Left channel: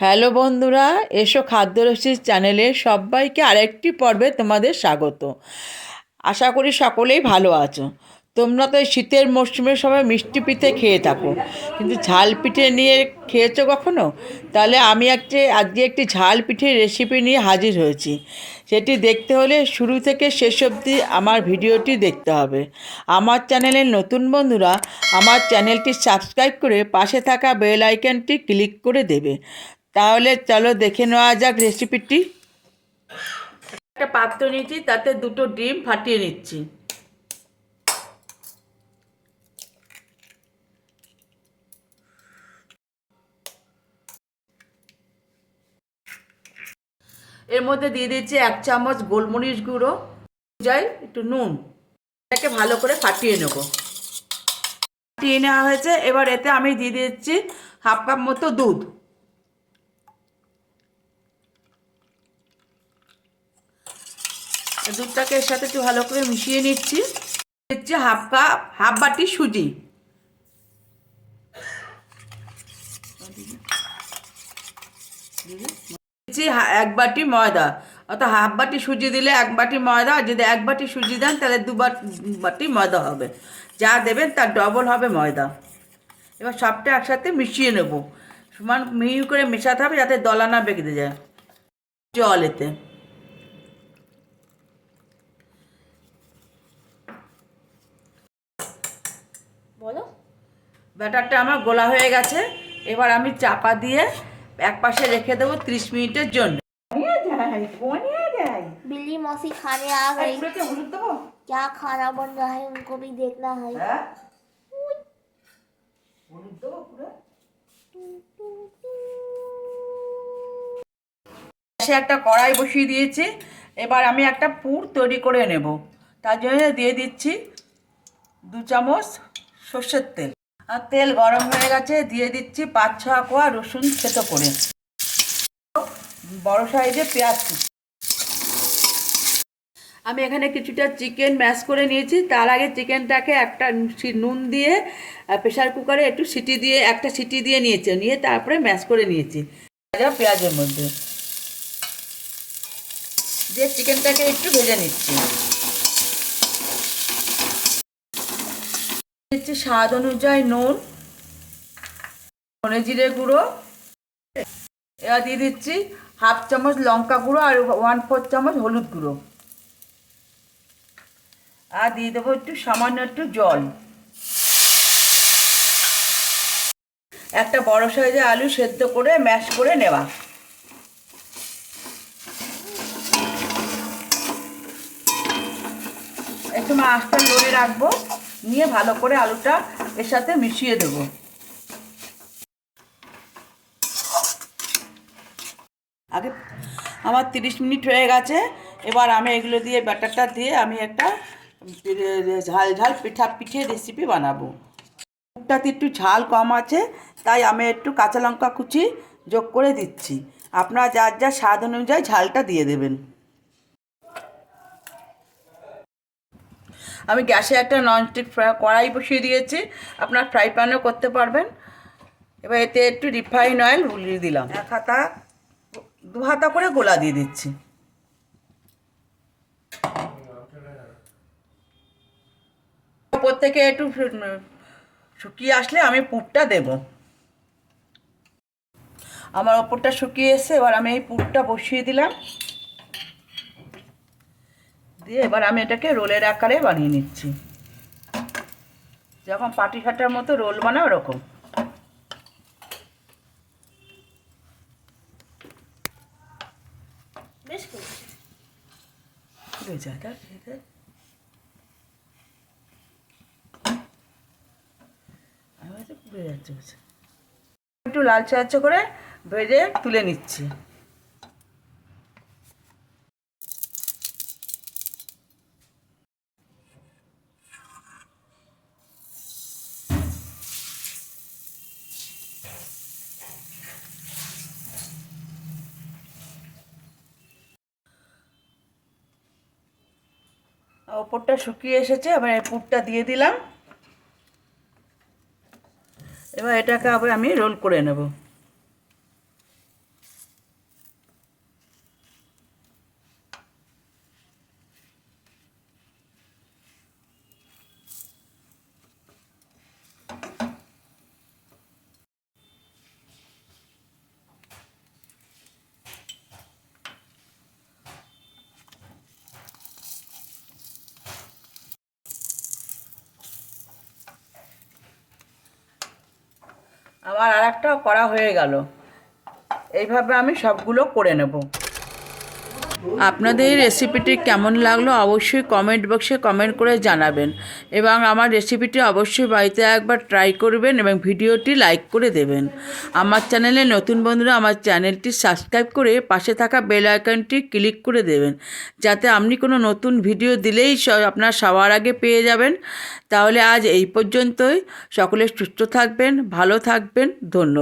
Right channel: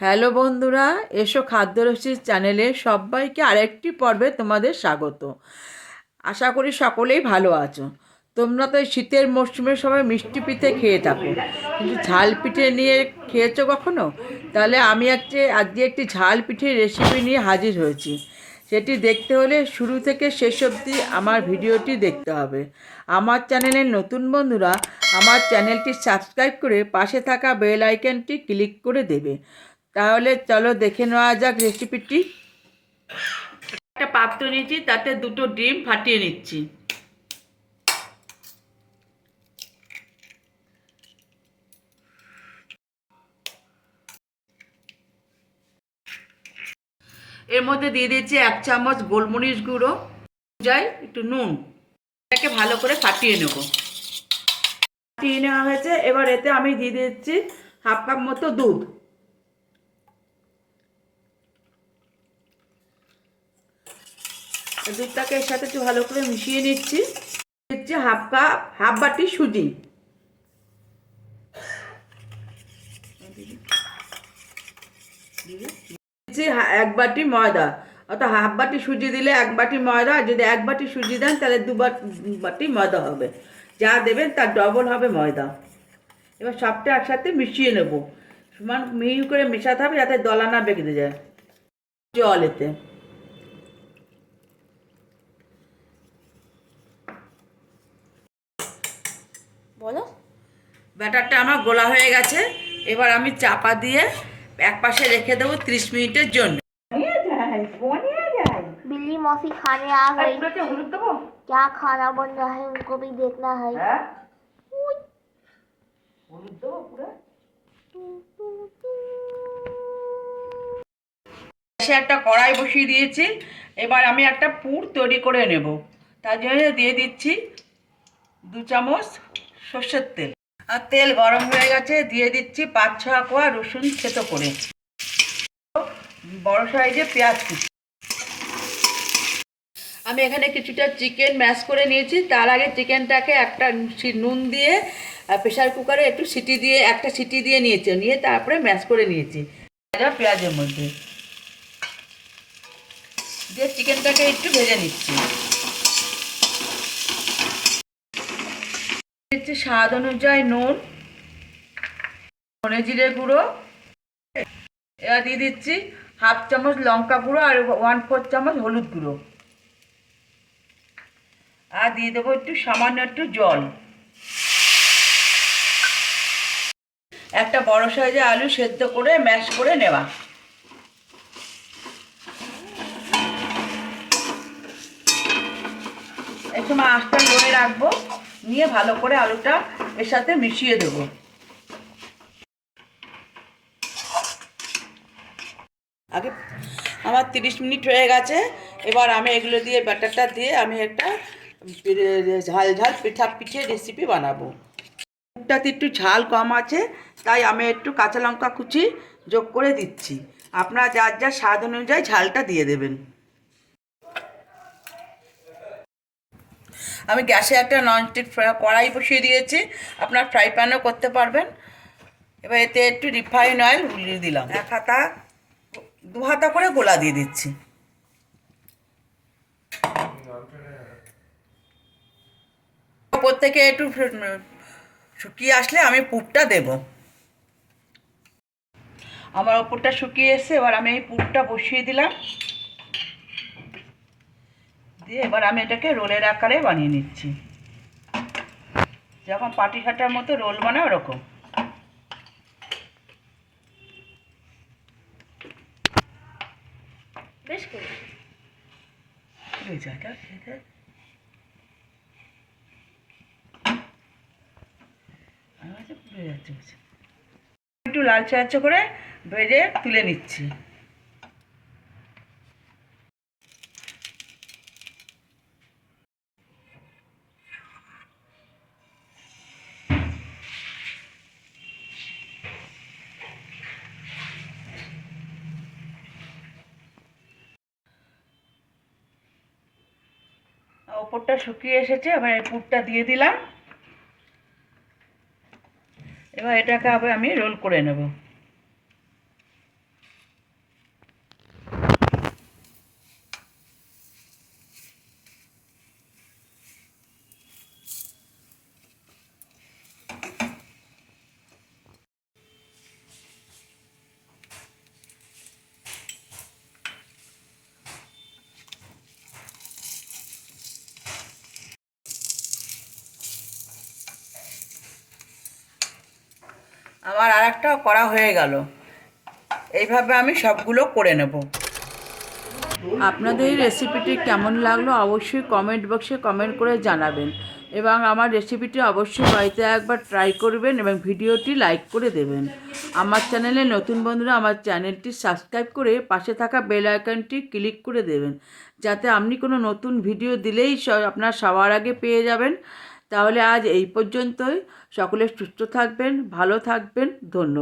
Hello বন্ধুরা, এসো খাদ্যরসিক চ্যানেলে সবাইকে আরেকটি পর্বে তোমাদের স্বাগত। আশা করি সকলেই ভালো আছো। তোমরা তো এই শীতের মরশুমের সময় মিষ্টি পিঠে খেয়ে থাকো, কিন্তু ঝাল পিঠে নিয়ে খেয়েছো কখনো? তাহলে আমি আজকে একটি ঝাল পিঠের রেসিপি নিয়ে হাজির হয়েছি। সেটি দেখতে হলে শুরু থেকে শেষ অবধি আমার ভিডিওটি দেখতে হবে। আমার চ্যানেলের নতুন বন্ধুরা আমার চ্যানেলটি সাবস্ক্রাইব করে পাশে থাকা বেল আইকনটি ক্লিক করে দেবে। তাহলে চলো দেখে নেওয়া যাক রেসিপিটি। একটা পাত্র নিয়েছি, তাতে দুটো ডিম ফাটিয়ে নিচ্ছি। এর মধ্যে দিয়ে দিচ্ছি 1 চামচ গোলমরিচ গুঁড়ো, যাই একটু নুন। এটাকে ভালো করে ফাটিয়ে নেব। ফাটিয়ে নেওয়া হয়েছে, এবার এতে আমি দিয়ে দিচ্ছি 1/2 কাপ মতো দুধ। এই দুধটাকে এর সাথে একটু ভালো করে মিশিয়ে নিচ্ছি। দিচ্ছি হাফ বাটি সুজি। দিচ্ছি 1 বাটি ময়দা, অর্থাৎ হাফ বাটি সুজি দিলে 1 বাটি ময়দা, আর যদি 1 বাটি সুজি দেন তাহলে 2 বাটি ময়দা হবে। যা দেবেন তার ডবল হবে ময়দা। এবার সবটা একসাথে মিশিয়ে নেব। সমান মিহি করে মেশাতে হবে যাতে দলা না বেঁকে যায়। জল এতে বলো। ব্যাটারটা আমার গোলা হয়ে গেছে। এবার আমি চাপা দিয়ে একপাশে রেখে দেবো 30 মিনিটের জন্য। बिल्ली मौसी खाने आ गई। क्या खाना बन रहा है उनको भी देखना है। একটা কড়াই বসিয়ে দিয়েছি। এবার আমি একটা পুর তৈরি করে নেব। তার জন্য দিয়ে দিচ্ছি 2 চামচ সর্ষের তেল। আর তেল গরম হয়ে গেছে, দিয়ে দিচ্ছি 5-6 কোয়া রসুন থেতো করে। বড় সাইজে পেঁয়াজ কুচি। আমি এখানে কিছুটা চিকেন ম্যাশ করে নিয়েছি। তার আগে চিকেনটাকে একটা নুন দিয়ে প্রেশার কুকারে একটা সিটি দিয়ে নিয়ে তারপরে ম্যাশ করে নিয়েছি পেঁয়াজের মধ্যে দিয়ে চিকেনটাকে একটু ভেজে নিচ্ছি। দিচ্ছি স্বাদ অনুযায়ী নুন, ধনে জিরে গুঁড়ো। এবার দিয়ে দিচ্ছি 1/2 চামচ লঙ্কা গুঁড়ো আর 1/4 চামচ হলুদ গুঁড়ো। আর দিয়ে দেবো সামান্য একটু জল। একটা বড় সাইজের আলু সেদ্ধ করে ম্যাশ করে নেওয়া। একটু আঁচটা লোয়ে রাখবো, নিয়ে ভালো করে আলুটা এর সাথে মিশিয়ে দেবো। আগে আমার 30 মিনিট হয়ে গেছে। এবার আমি এগুলো দিয়ে ব্যাটারটা দিয়ে আমি একটা ঝাল ঝাল পিঠে রেসিপি বানাবো। মুখটাতে একটু ঝাল কম আছে, তাই আমি একটু কাঁচা লঙ্কা কুচি যোগ করে দিচ্ছি। আপনারা যার যা স্বাদ অনুযায়ী ঝালটা দিয়ে দেবেন। আমি গ্যাসে একটা ননস্টিক কড়াই বসিয়ে দিয়েছি, আপনার ফ্রাই প্যানও করতে পারবেন। এবার এতে একটু রিফাইন অয়েল গুলিয়ে দিলাম। 2 হাতা করে গোলা দিয়ে দিচ্ছি। ওপর থেকে একটু শুকিয়ে আসলে আমি পুরটা দেব। আমার ওপরটা শুকিয়ে এসে এবার আমি এই পুরটা বসিয়ে দিলাম। দিয়ে এবার আমি এটাকে রোলের আকারে বানিয়ে নিচ্ছি, যখন পাটি সাপটার মতো রোল বানায় ওরকম। বেশ করে পুড়ে যাচ্ছে। একটু লালচে লালচে করে ভেজে তুলে নিচ্ছি। ওপরটা শুকিয়ে এসেছে, এবার এই পুরটা দিয়ে দিলাম। এবার এটাকে আবার আমি রোল করে নেব। আমার আর একটাও করা হয়ে গেল। এইভাবে আমি সবগুলো করে নেব। আপনাদের রেসিপিটি কেমন লাগলো অবশ্যই কমেন্ট বক্সে কমেন্ট করে জানাবেন, এবং আমার রেসিপিটি অবশ্যই বাড়িতে একবার ট্রাই করবেন এবং ভিডিওটি লাইক করে দেবেন। আমার চ্যানেলে নতুন বন্ধুরা আমার চ্যানেলটি সাবস্ক্রাইব করে পাশে থাকা বেল আইকনটি ক্লিক করে দেবেন, যাতে আপনি কোনো নতুন ভিডিও দিলেই আপনার সবার আগে পেয়ে যাবেন। তাহলে আজ এই পর্যন্তই। সকলে সুস্থ থাকবেন, ভালো থাকবেন। ধন্যবাদ।